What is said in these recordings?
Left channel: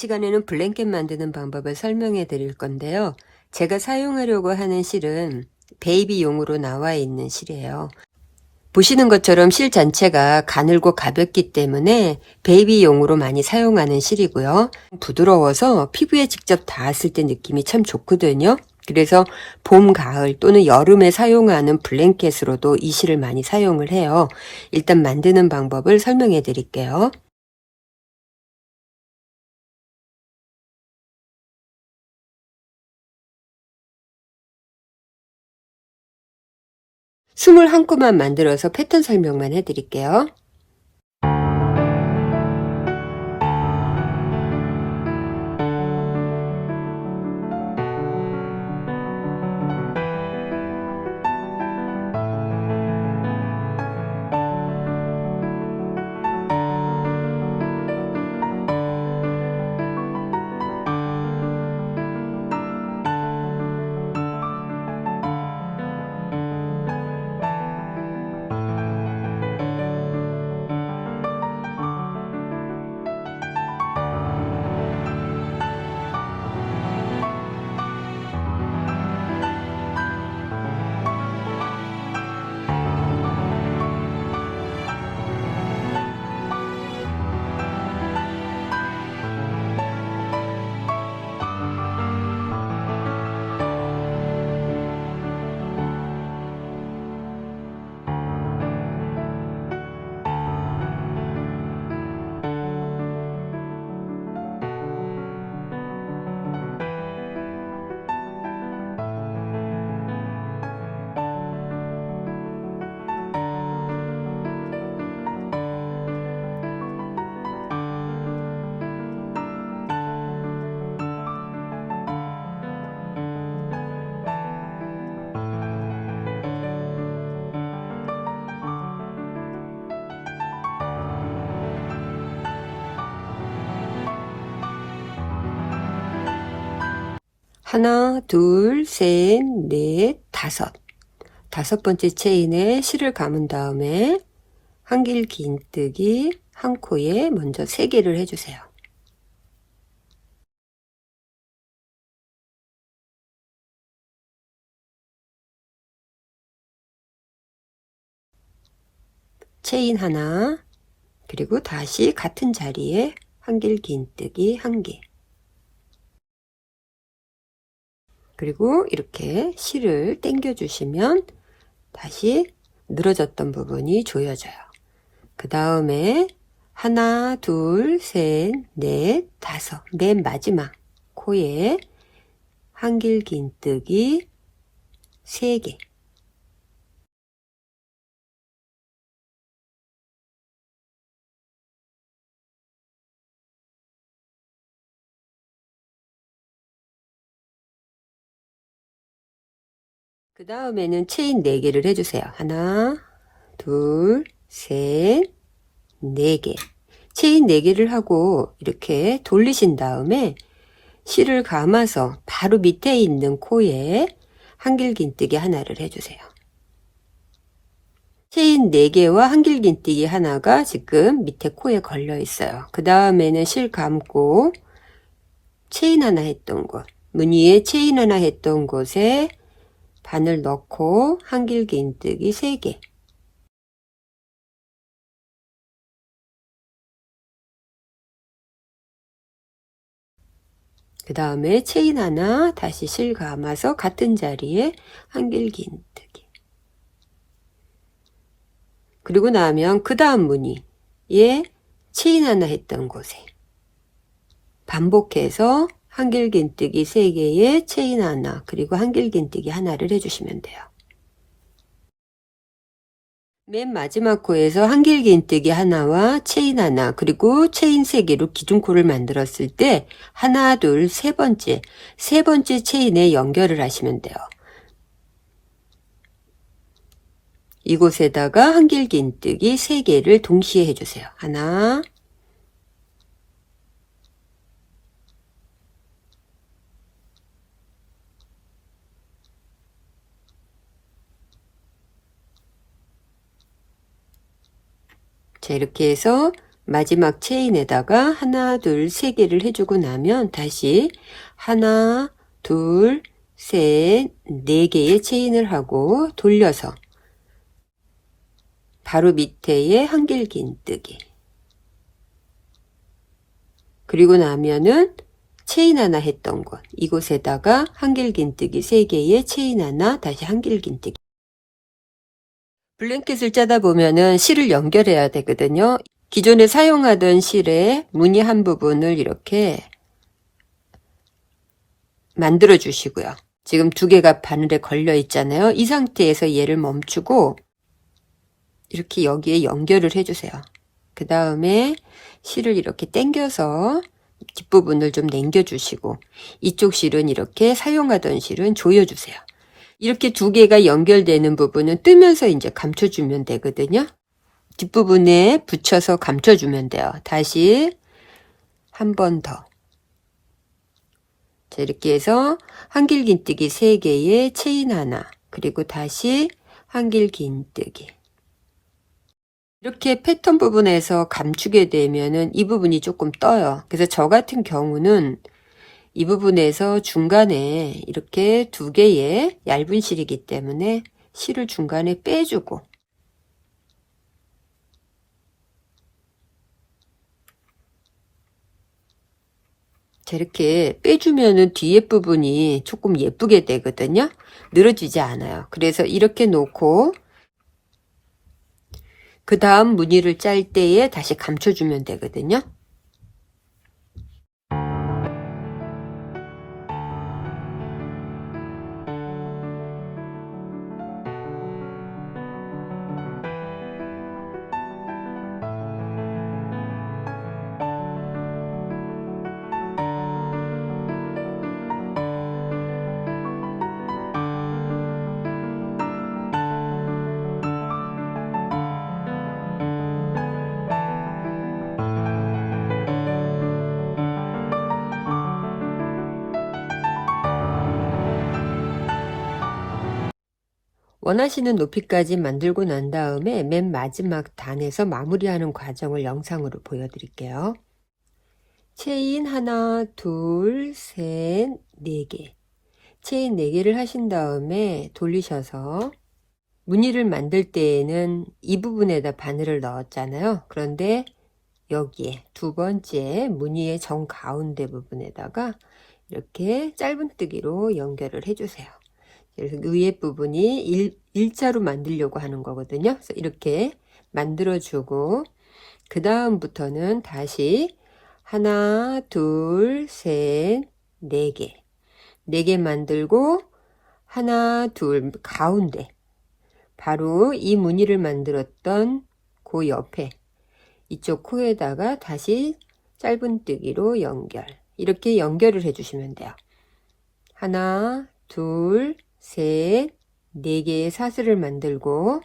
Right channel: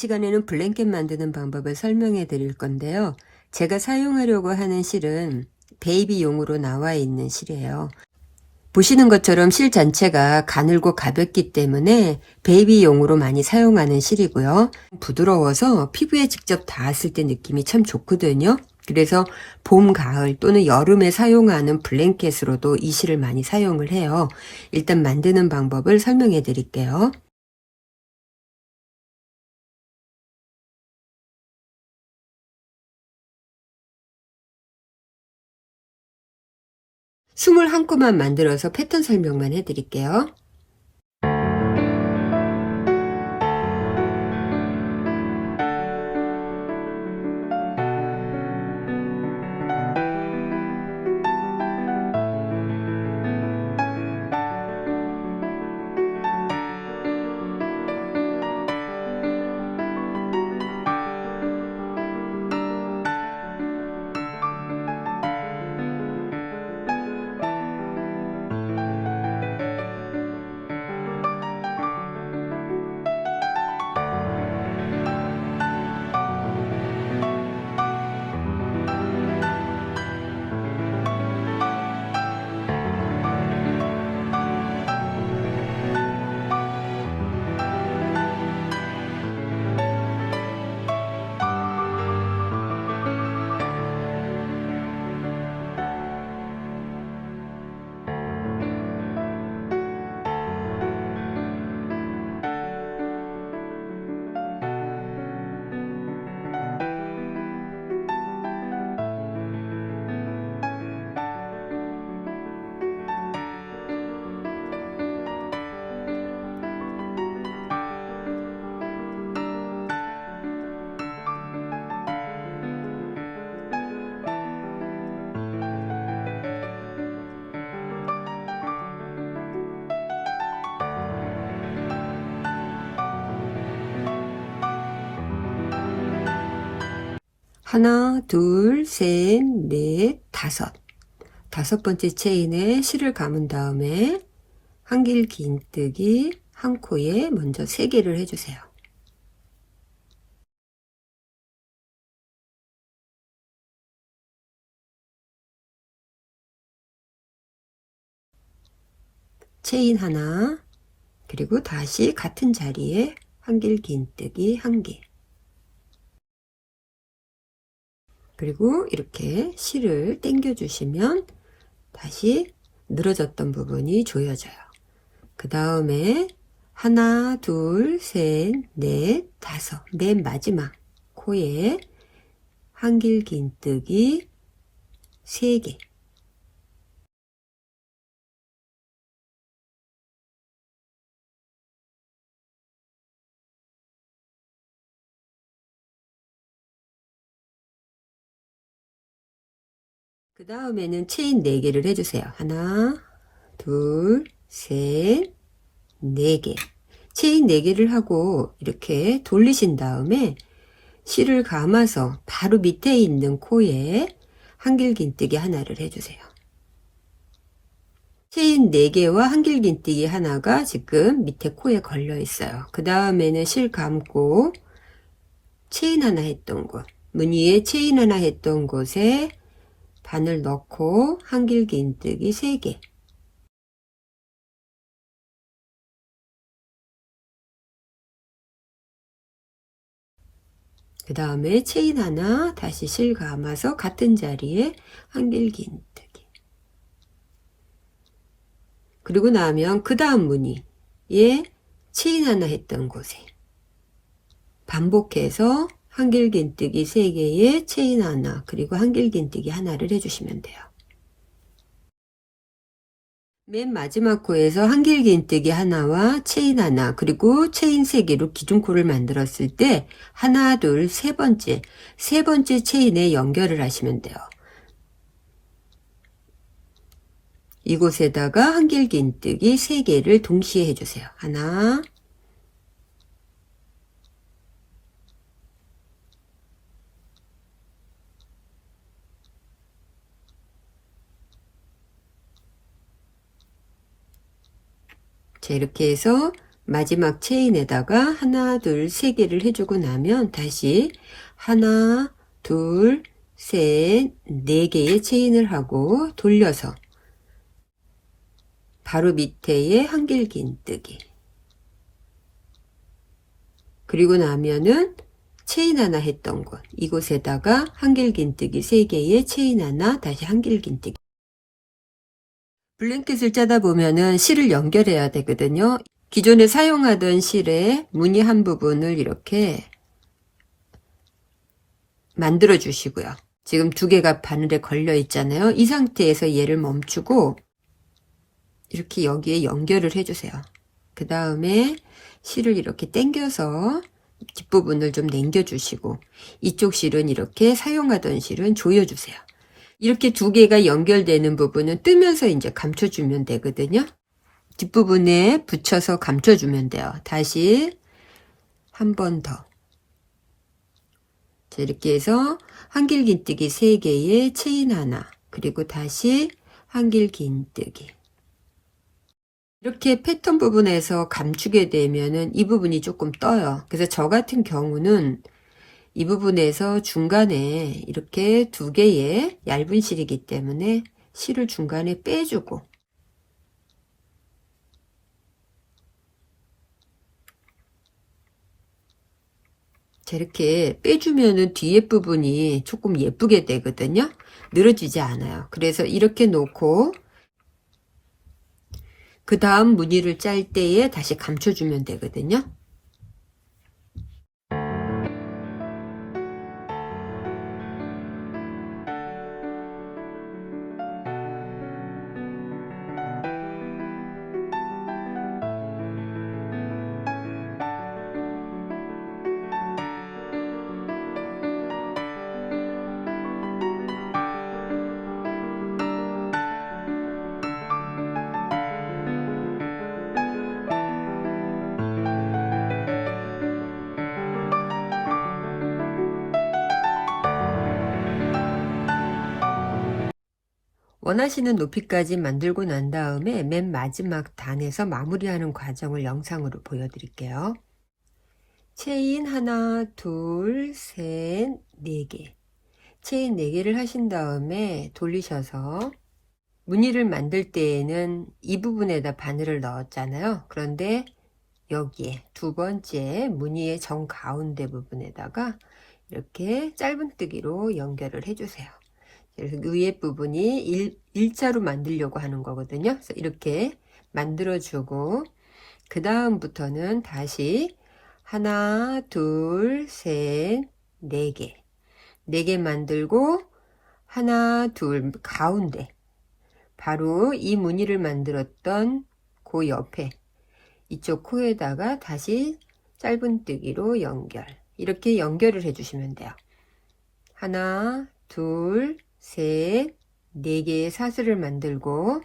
이 시간에는 블랭켓 만드는 방법을 설명해 드릴 건데요. 제가 사용하려고 하는 실은 베이비용으로 나와 있는 실이에요. 보시는 것처럼 실 전체가 가늘고 가볍기 때문에 베이비용으로 많이 사용하는 실이고요. 부드러워서 피부에 직접 닿았을 때 느낌이 참 좋거든요. 그래서 봄, 가을 또는 여름에 사용하는 블랭켓으로도 이 실을 많이 사용을 해요. 일단 만드는 방법을 설명해 드릴게요. 스물 한 코만 만들어서 패턴 설명만 해드릴게요. 하나, 둘, 셋, 넷, 다섯. 다섯 번째 체인에 실을 감은 다음에 한길 긴뜨기 한 코에 먼저 3개를 해주세요. 체인 하나, 그리고 다시 같은 자리에 한길 긴뜨기 1개. 그리고 이렇게 실을 당겨 주시면 다시 늘어졌던 부분이 조여져요. 그 다음에 하나, 둘, 셋, 넷, 다섯. 맨 마지막 코에 한길 긴뜨기 3개. 그 다음에는 체인 4개를 해주세요. 하나, 둘, 셋, 4개. 체인 4개를 하고 이렇게 돌리신 다음에 실을 감아서 바로 밑에 있는 코에 한길 긴뜨기 하나를 해주세요. 체인 4개와 한길 긴뜨기 하나가 지금 밑에 코에 걸려 있어요. 그 다음에는 실 감고 체인 하나 했던 곳, 무늬에 체인 하나 했던 곳에 바늘 넣고 한길 긴뜨기 3개. 그 다음에 체인 하나 다시 실 감아서 같은 자리에 한길 긴뜨기. 그리고 나면 그 다음 무늬에 체인 하나 했던 곳에 반복해서 한길 긴뜨기 3개에 체인 하나 그리고 한길 긴뜨기 하나를 해주시면 돼요. 맨 마지막 코에서 한길 긴뜨기 하나와 체인 하나 그리고 체인 3개로 기둥코를 만들었을 때 하나, 둘, 세 번째 체인에 연결을 하시면 돼요. 이곳에다가 한길 긴뜨기 3개를 동시에 해주세요. 하나, 자, 이렇게 해서 마지막 체인에다가 하나, 둘, 세 개를 해주고 나면 다시 하나, 둘, 셋, 네 개의 체인을 하고 돌려서 바로 밑에에 한길긴뜨기. 그리고 나면은 체인 하나 했던 곳, 이곳에다가 한길긴뜨기 3개의 체인 하나, 다시 한길긴뜨기. 블랭켓을 짜다 보면은 실을 연결해야 되거든요. 기존에 사용하던 실의 무늬 한 부분을 이렇게 만들어 주시고요. 지금 2개가 바늘에 걸려 있잖아요. 이 상태에서 얘를 멈추고 이렇게 여기에 연결을 해주세요. 그 다음에 실을 이렇게 당겨서 뒷부분을 좀 당겨주시고 이쪽 실은 이렇게 사용하던 실은 조여주세요. 이렇게 2개가 연결되는 부분은 뜨면서 이제 감춰주면 되거든요. 뒷부분에 붙여서 감춰주면 돼요. 다시 한 번 더. 자, 이렇게 해서 한길긴뜨기 3개에 체인 하나, 그리고 다시 한길긴뜨기. 이렇게 패턴 부분에서 감추게 되면은 이 부분이 조금 떠요. 그래서 저 같은 경우는 이 부분에서 중간에 이렇게 2개의 얇은 실이기 때문에 실을 중간에 빼주고 자, 이렇게 빼주면은 뒤에 부분이 조금 예쁘게 되거든요. 늘어지지 않아요. 그래서 이렇게 놓고 그 다음 무늬를 짤 때에 다시 감춰주면 되거든요. 원하시는 높이까지 만들고 난 다음에 맨 마지막 단에서 마무리하는 과정을 영상으로 보여드릴게요. 체인 하나, 둘, 셋, 4개. 체인 4개를 하신 다음에 돌리셔서 무늬를 만들 때에는 이 부분에다 바늘을 넣었잖아요. 그런데 여기에 2번째 무늬의 정 가운데 부분에다가 이렇게 짧은뜨기로 연결을 해주세요. 그래서 위에 부분이 일자로 만들려고 하는 거거든요. 그래서 이렇게 만들어주고 그 다음부터는 다시 하나, 둘, 셋, 4개. 4개 만들고 하나, 둘, 가운데 바로 이 무늬를 만들었던 그 옆에 이쪽 코에다가 다시 짧은뜨기로 연결. 이렇게 연결을 해주시면 돼요. 하나, 둘, 셋, 4개의 사슬을 만들고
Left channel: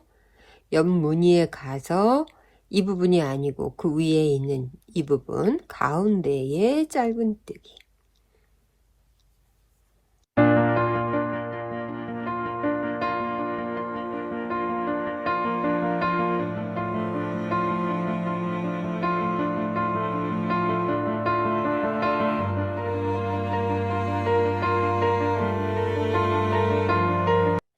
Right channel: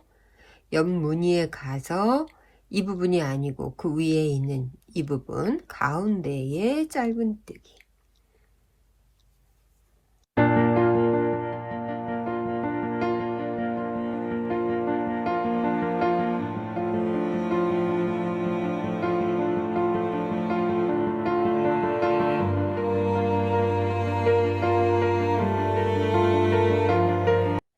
옆 무늬에 가서 이 부분이 아니고 그 위에 있는 이 부분 가운데에 짧은뜨기.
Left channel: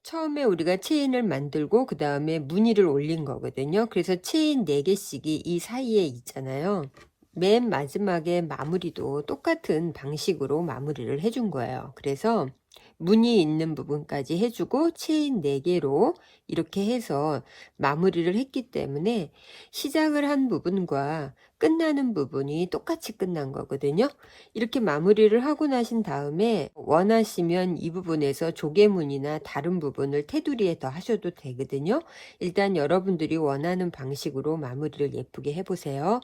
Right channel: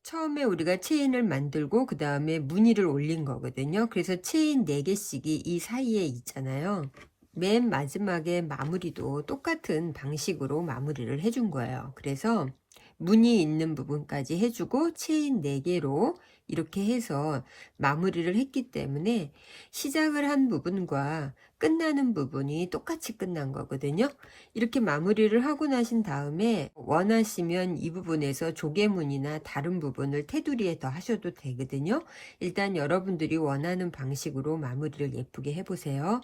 처음에 우리가 체인을 만들고 그 다음에 무늬를 올린 거거든요. 그래서 체인 4개씩이 이 사이에 있잖아요. 맨 마지막에 마무리도 똑같은 방식으로 마무리를 해준 거예요. 그래서 무늬 있는 부분까지 해주고 체인 4개로 이렇게 해서 마무리를 했기 때문에 시작을 한 부분과 끝나는 부분이 똑같이 끝난 거거든요. 이렇게 마무리를 하고 나신 다음에 원하시면 이 부분에서 조개무늬나 다른 부분을 테두리에 더 하셔도 되거든요. 일단 여러분들이 원하는 방식으로 마무리를 예쁘게 해보세요.